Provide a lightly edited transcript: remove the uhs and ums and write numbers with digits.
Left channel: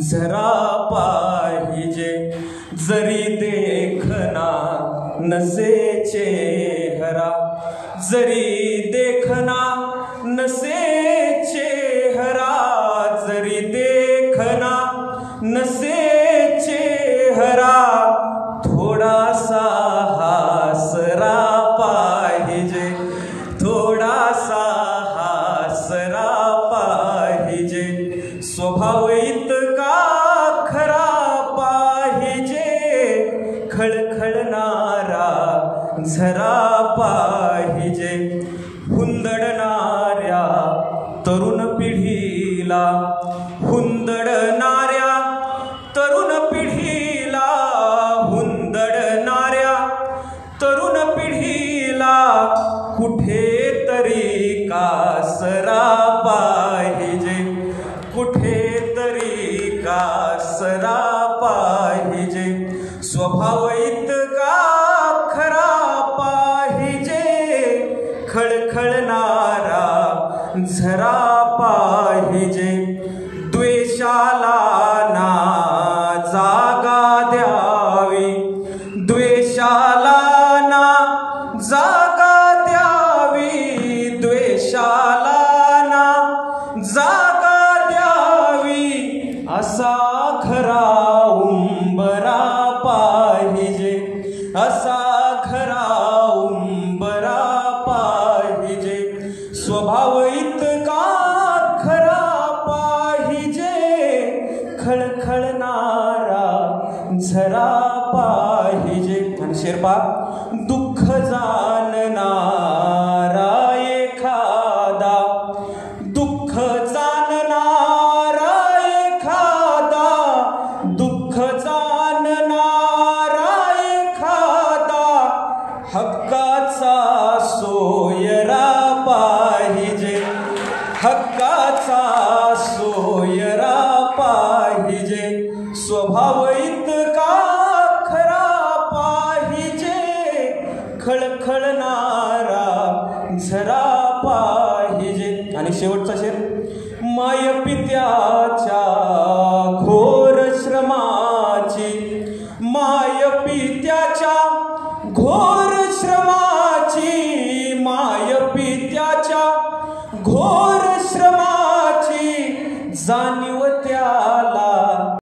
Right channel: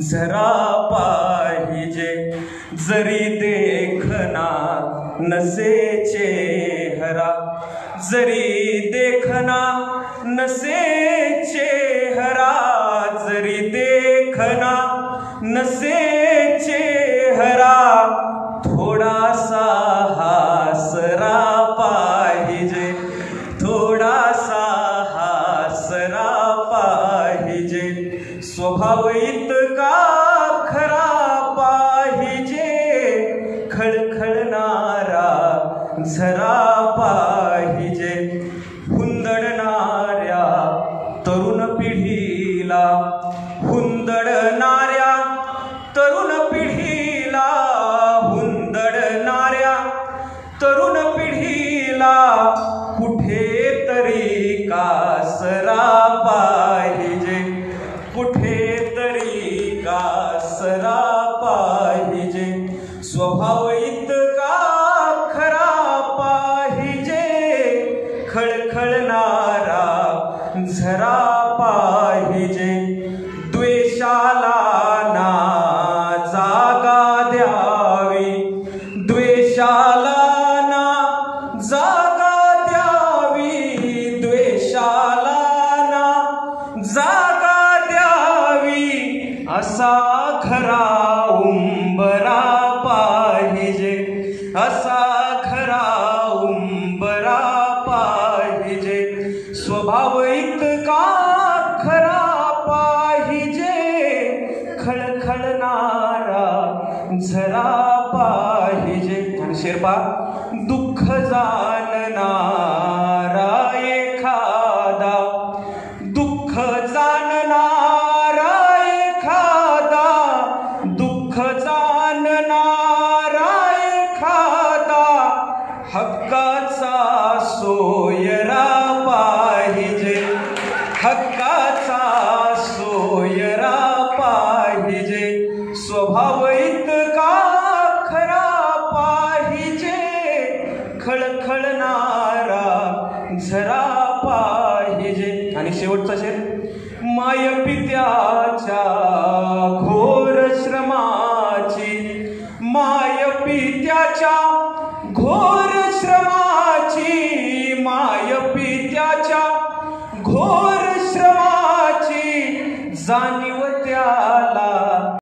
झरा पाहिजे, जरी देखना नसे चेहरा, जरी देखना नसे चेहरा, जरी देखना नसे चेहरा, थोडासा हासरा पाहिजे, थोडासा हासरा पाहिजे, स्वभाव इतका खरा पाहिजे, खळखळणारा झरा पाहिजे, हुंदडणाऱ्या तरुण पिढीला, हुंदडणाऱ्या तरुण पिढीला, हुंदडणाऱ्या तरुण पिढीला, कुठेतरी कासरा पाहिजे, कुठेतरी कासरा पाहिजे, स्वभाव इतका खरा पाहिजे, खळखळणारा झरा पाहिजे, द्वेषाला ना जागा द्यावी, द्वेषाला ना जागा द्यावी, द्वेषाला ना जागा द्यावी, असा खरा उंबरा पाहिजे, असा खरा उंबरा पाहिजे, स्वभाव इतका खरा पाहिजे, खळखळणारा झरा पाहिजे. आणि शेरपा, दुःख जाणणारा एखादा, दुःख जाणणारा एखादा, दुःख जाणणारा एखादा, हक्काचा सोयरा पाहिजे, हक्काचा सोयरा पाहिजे, स्वभाव इतका खरा पाहिजे, खळखळणारा झरा पाहिजे. आणि शेवटचा शेर, माय पित्याच्या घोर श्रमाची, माय पित्या